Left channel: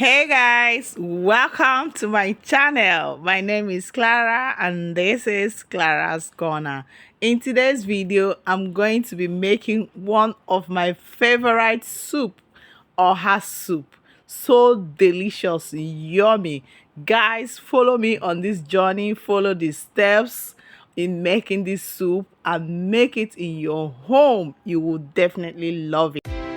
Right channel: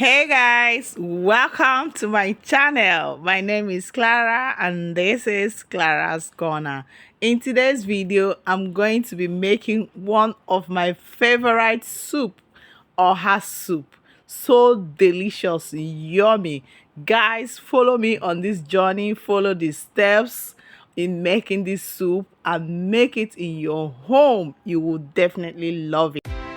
Hey guys, welcome to my channel. My name is Clara and this is Clara's Corner. In today's video, I'm going to be making one of my favorite soup, oha soup. So delicious, yummy. Guys, follow me on this journey. Follow the steps in making this soup and make it in your home. You will definitely love it.